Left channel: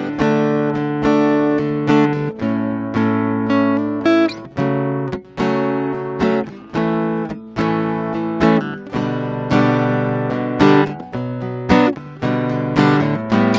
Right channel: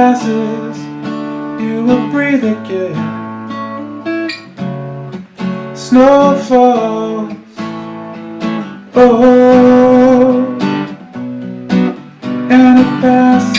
passes, you will breathe again. Snow falls, oh, and it passes.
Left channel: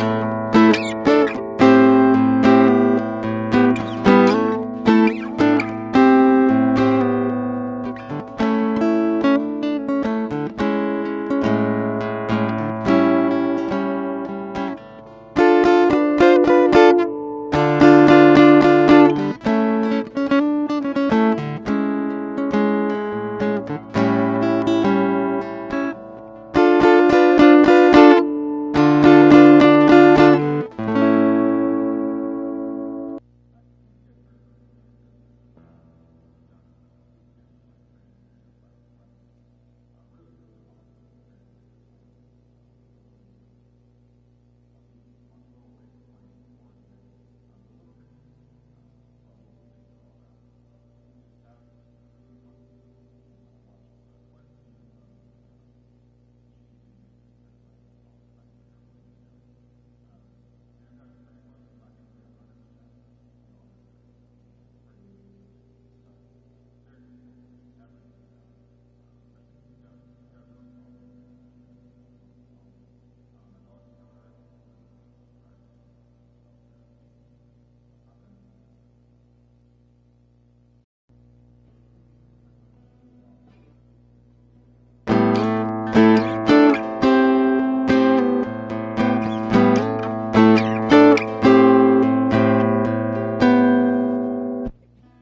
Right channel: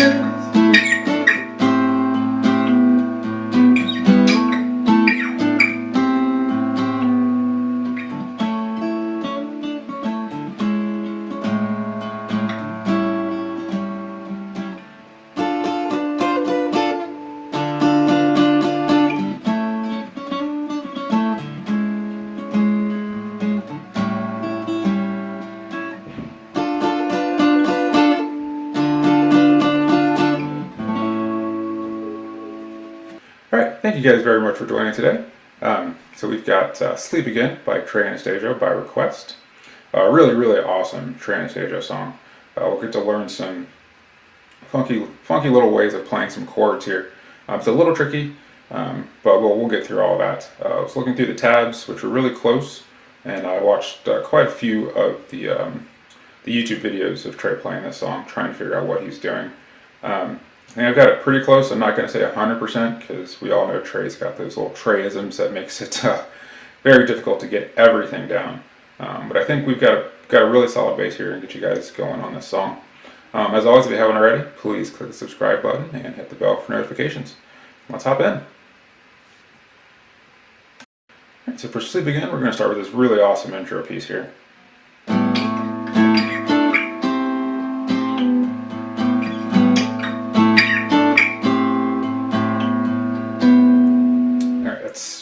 Alright, thank you guys very much for joining today. So we've got Sleep Again by Trey Anastasio by request. Really, really awesome Trey Anastasio song. We'll get to learn some funky little ways of playing some chords here. It's a little tricky, but we'll get through all of that. I was looking through the tabs, which were really close, and I watched quite a few of the YouTube videos of Trey playing this song, trying to figure out what he's doing. I think I've got it pretty close. I'm not going to say 100% because we all know Trey's got those little Treyisms that makes it very difficult to get everything down. But I think we've got a really solid base here and get you guys going on this song. As always, if you haven't already, please click the subscribe button and hit the bell for notifications. Let's hop in. Alright, so for Sleep Again, we're going to start with this really awesome intro piece here.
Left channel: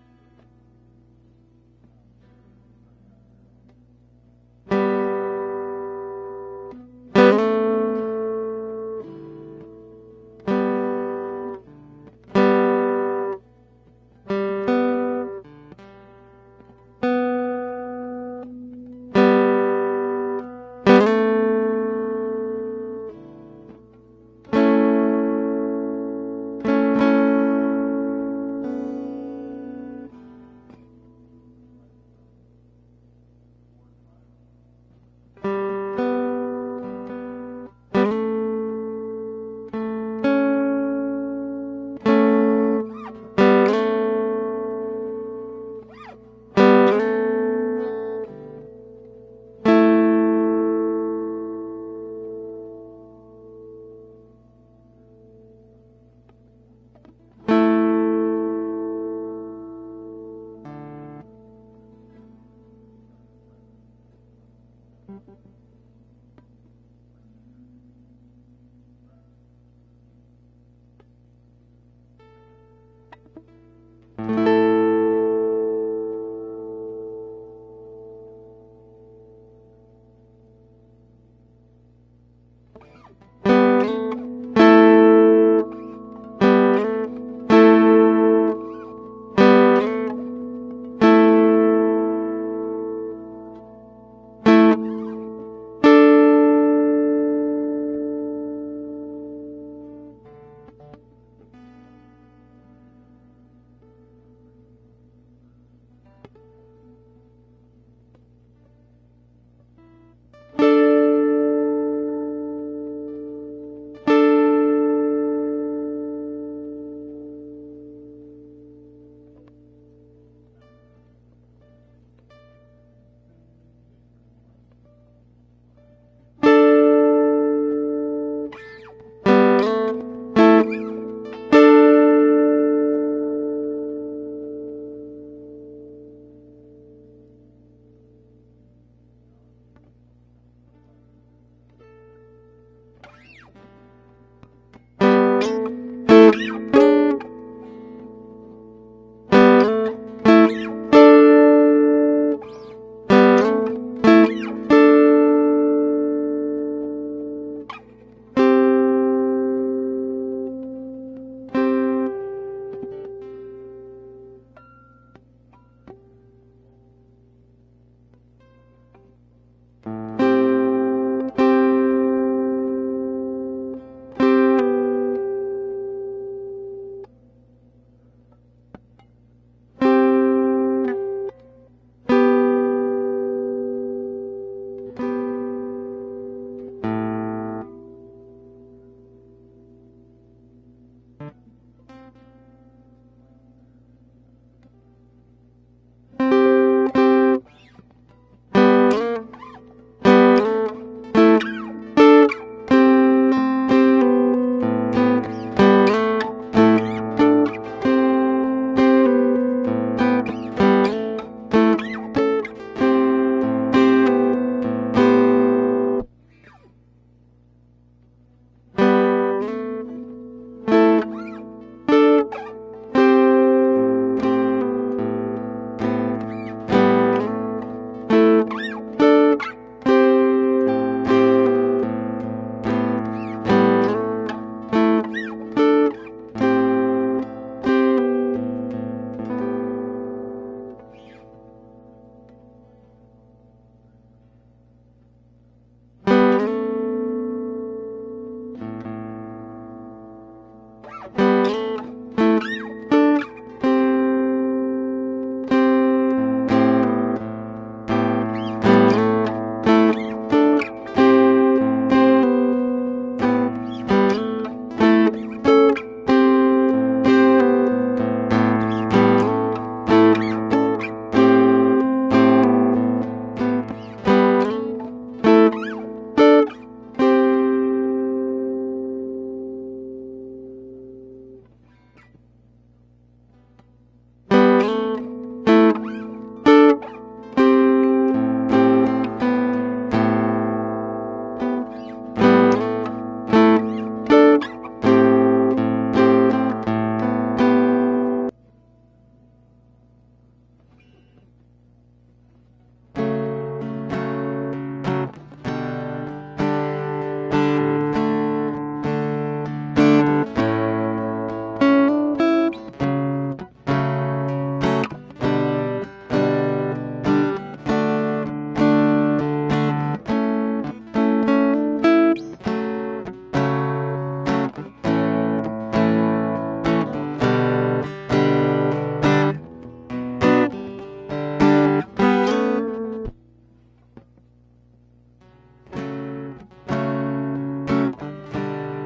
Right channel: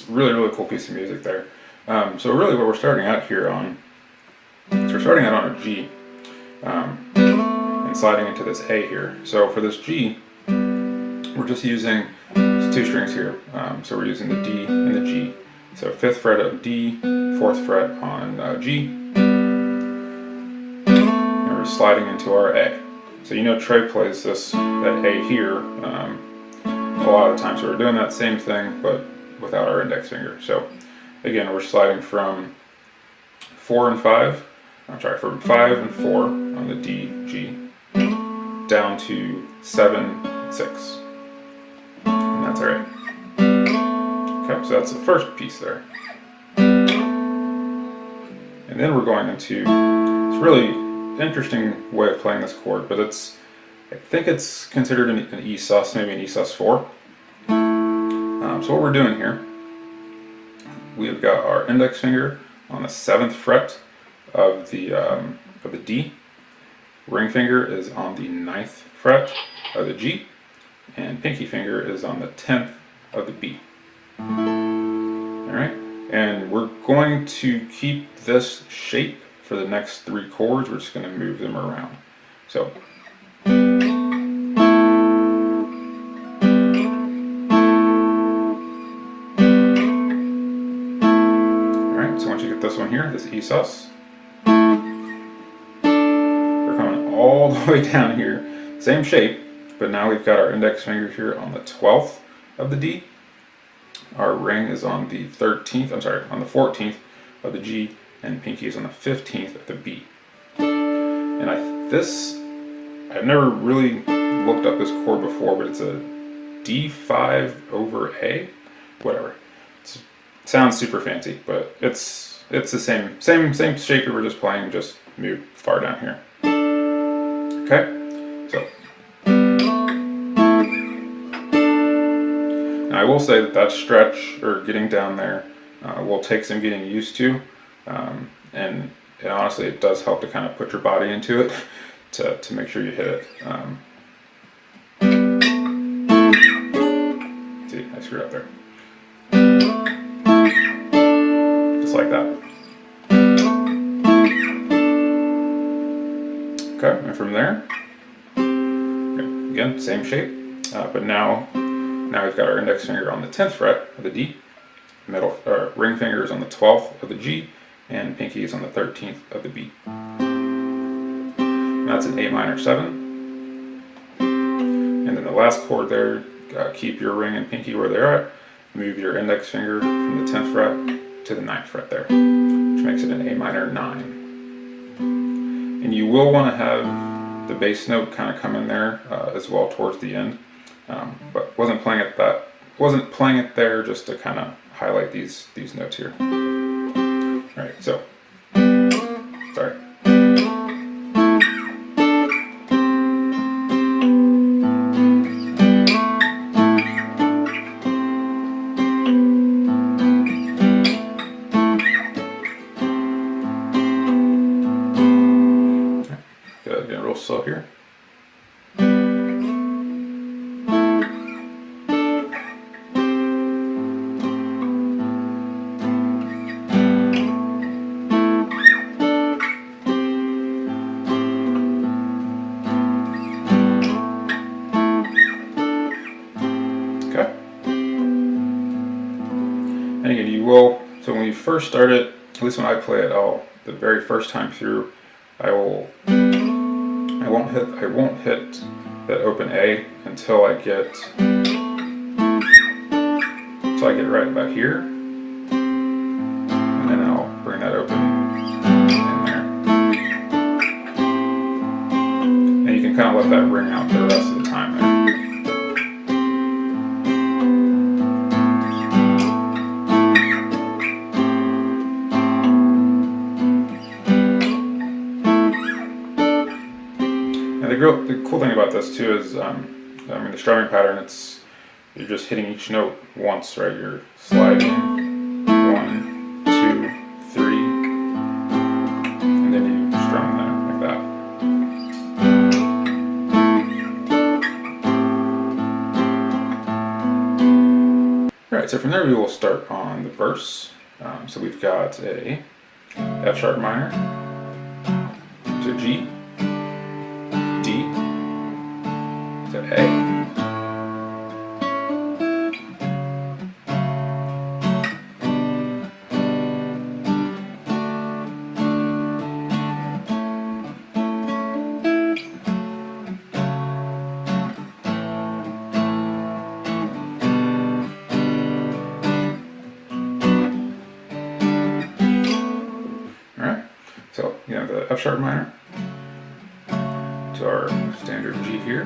Really cool piece of music there. So really what we're starting out here on, we're starting out on a G and sliding into this A here. So for this G, we're just using two strings here. So we're using the D and the G. So 5th fret of D, 4th fret on G, and we're sliding into our A. So you know Trey plays that A here a lot of the times. So we're doing that same thing, but without our index finger. So again, we're sliding from 4 and 5, from 5 and 4 on the D, G, down to 7 and 6. And that's our A. Okay, so that's the first piece there. And then we're going into this really interesting way of playing this chord, but I think it's considered an E sus, maybe an E sus 4. So what we're doing here, we've got our index finger on the 7th fret of the D, ring finger is on the 9th fret of the G, and pinky finger is on the 10th of the B. Alright, and we're going to keep this shape for the next 3 chords. We're just going to move them around. So this one here, this E sus. We're coming all the way down here, same shape, but now we've got our index finger here on the 12th of the D. Our ring is on the 14th of the G, and pinky is on the 15th of the B. And I've never really looked up this chord before, but it's a D5 over A, whatever. Sounds super fancy, but it's the same shape we were just playing, just moved far down here. Okay, so now I will say that stretch, or getting down there, will take some getting used to, and honestly it does help to kind of put your body into it to make sure you hit it. See, I screwed up there. Like that. Okay, and from there, okay, again, same shape, but now we've got our index finger on the 10th fret of the D, ring finger is on the 12th of the G, and pinky is on the 13th of the B. And that's an A minor 7. And then the last chord there, keep your ring and pinky where they're at, move your index finger from the 10th fret to the 9th fret there, which makes it an A minor 9. And you will want to have the bass note kind of come in there as well towards the end. but wasn't playing it there just to kind of highlight these notes here. All right, so sorry. Getting real slow here. So when you first start it, at least when I play it, the very first time through, I won't hit that open A until I get right about here, and then I'll bring that open in there, and you can kind of let that ring out for the rest of the time there. The cool thing about this too is, the strumming pattern, you're just hitting each note once, right? You're sliding 1, 2, 3, and then you strum them like that. Alright, so from there we will start on the verse. So we've got a F sharp minor to G, So, the F sharp minor to our standard G here,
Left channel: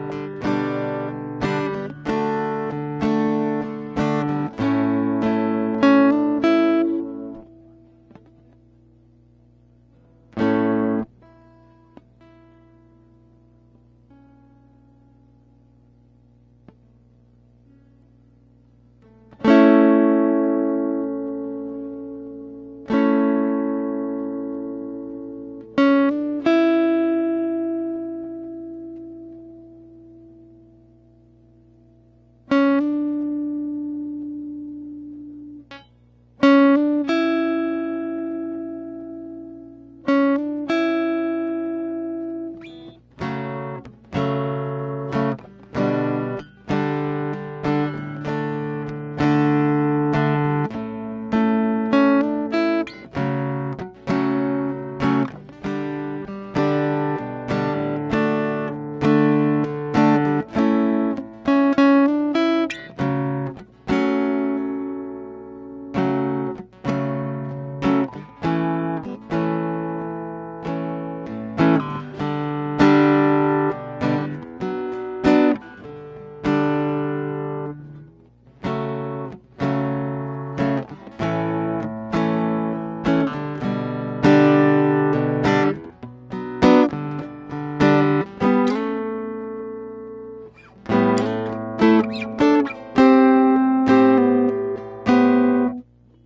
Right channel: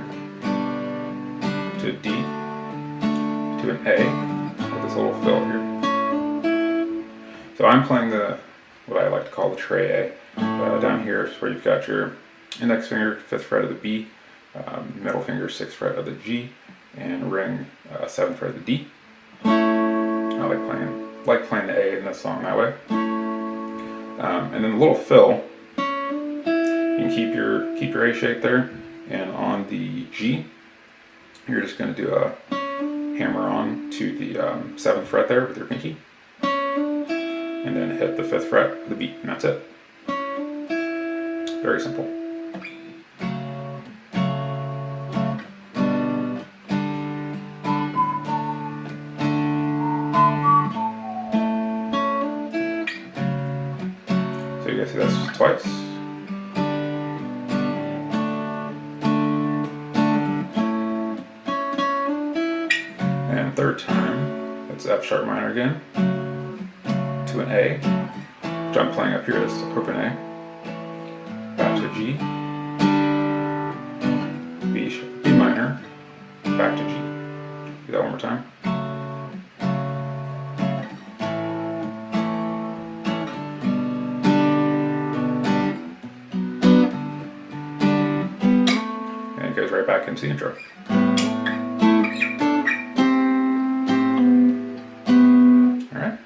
to D, to an A, with this little fill here. So I'm playing what I like to call the Trey A. Down here is where you've got your index finger, 5th fret of the B, middle finger, 6th fret of the G, and ring, 7th fret of the D. I like playing the A in this song that way. And then the little fill, you can keep your A shape there, and on the G, you're just going to do a hammer on to the 7th fret there with your pinky, and then hit the 5th fret of the B, and that's it. Very simple. Twice. And third time, it's F sharp minor again to an A, which I'm playing up here as open A, back to G, B minor, back to G. Do that one more time. Back into the intro. Alright.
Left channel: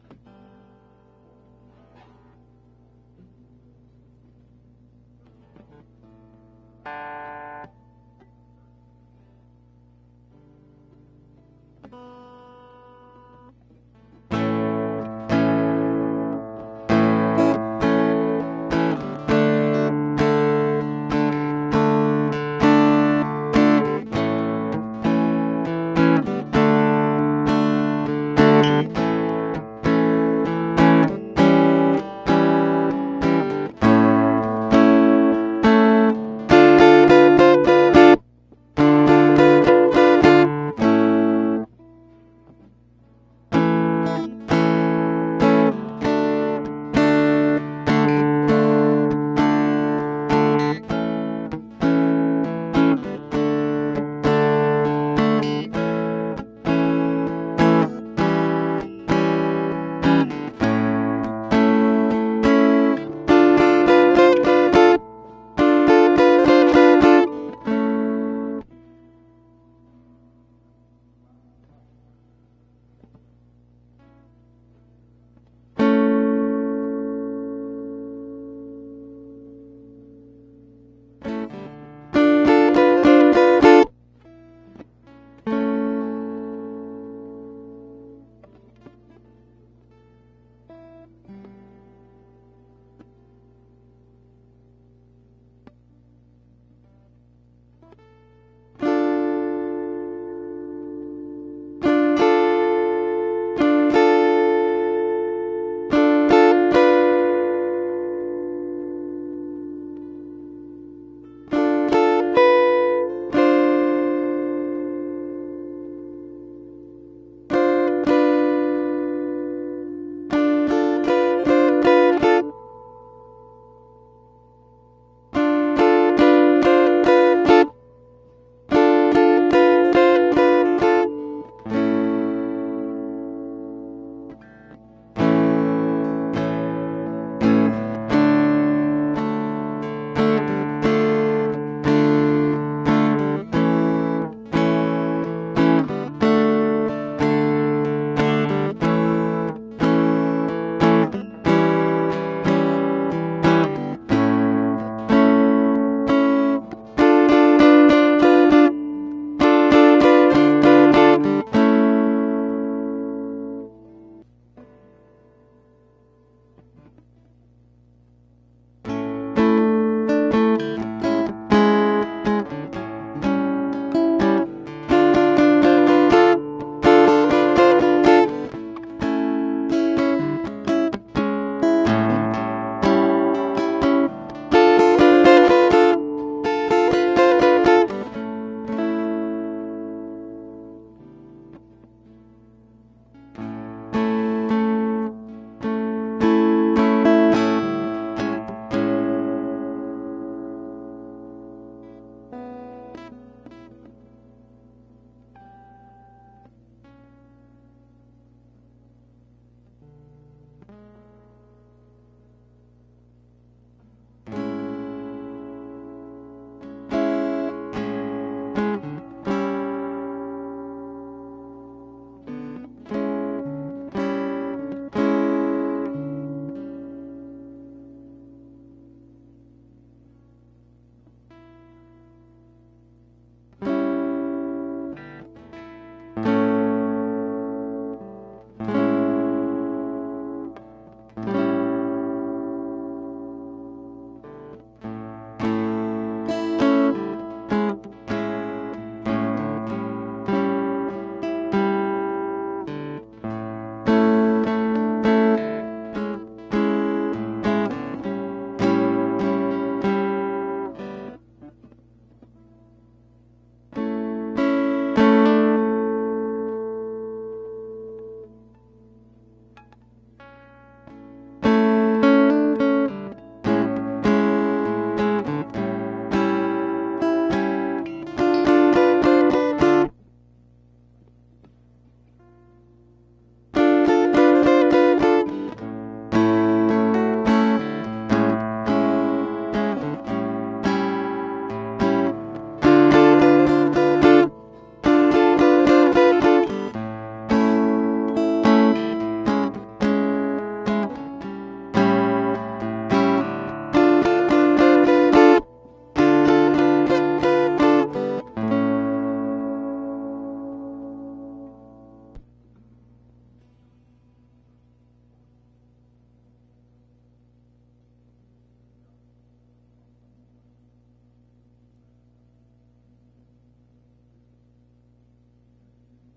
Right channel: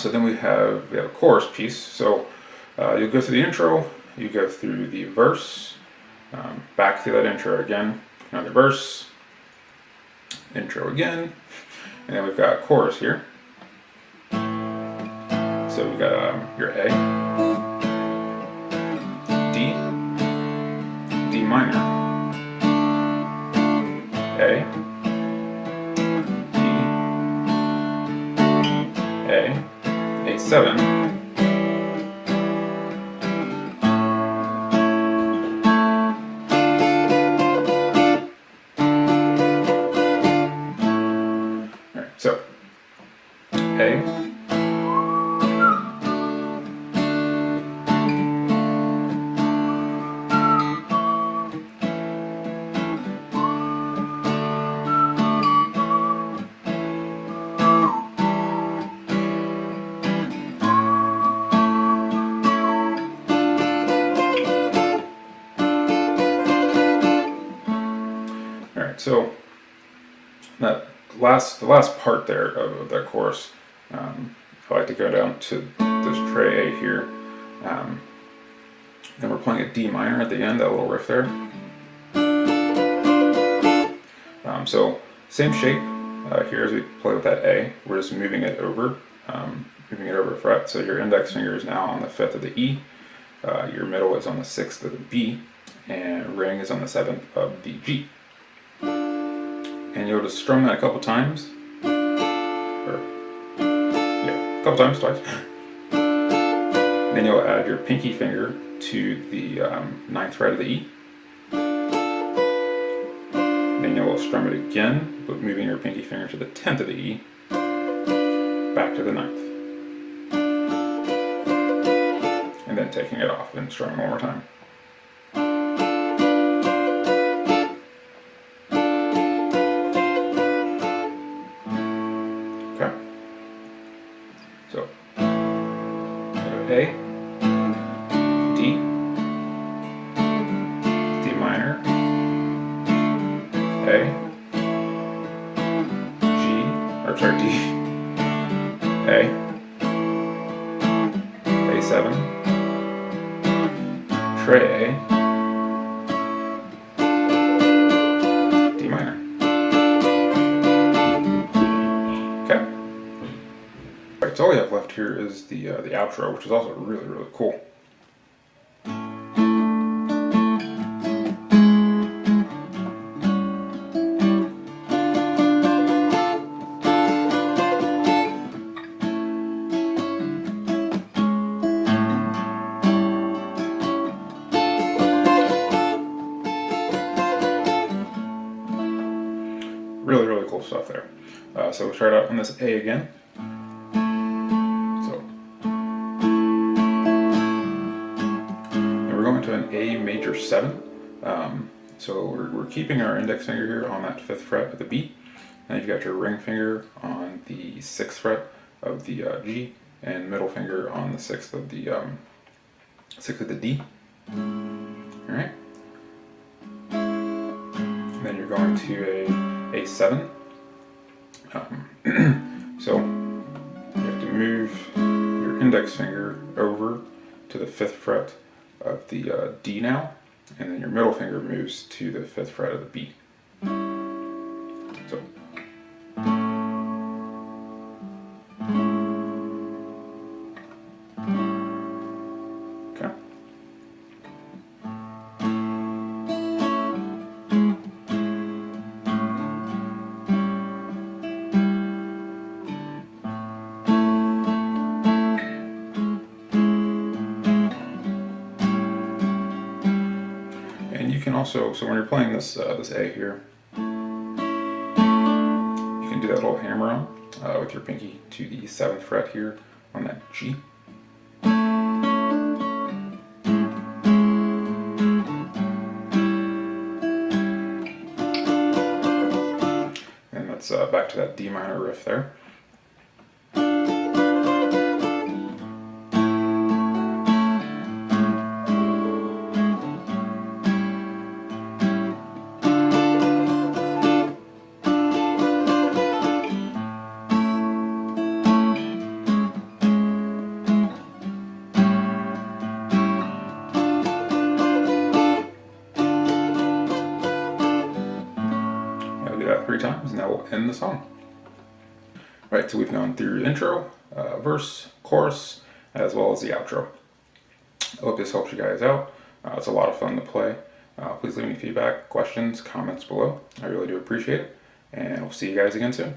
So then we have a chorus piece. So you'll go through the intro, you go through the verse, back through that intro again, another verse, intro again, and then we've got chorus here. So we've got your A, D minor, A7, alright, so A, so the last part there of that chorus, I like to go down to this Trey A here. Then we're playing a D minor at the end, that little riff there. So same shape here as we play with that A. We're just moving it over a fret. So your index finger is now on the 5th of the E, your middle is on the 6th of the B, and ring is on the 7th of the G. And you'll just strum that a couple times. Twice. Then you'll add your pinky finger to the 9th fret of the E. Then you'll strum it again, but moving your pinky finger to the 10th of the E, back to the 9th. And then taking it off and strumming one more time. So, A, D, D minor, A, D, A, A7, Trey A, D minor. Okay. Alright, so all we have left here is the outro, which is also really, really cool. Really, really cool stuff there. So we'll start out on this A again. And we're going to an A major 7. So we're keeping our index finger here on that 5th fret of the B. And you've got your ring finger on the 6th fret of the G, and middle finger on the 6th of the D. All right. And then you're going to a 7. So you have to move your index finger over to the 5th fret of the D now, and then your middle finger moves to the 5th fret of the B. So. Also, so when you're playing this this A here, you can do that little hammer on with your pinky to the 7th fret here on that G. And that's back to that D minor riff there. Times, and that will end the song. Right, so we've gone through intro, verse, chorus, as well as the outro. I hope this helps you guys out. It's a lot of fun to play. Please leave me feedback, questions, comments below. I really do appreciate it, and we'll see you guys again soon.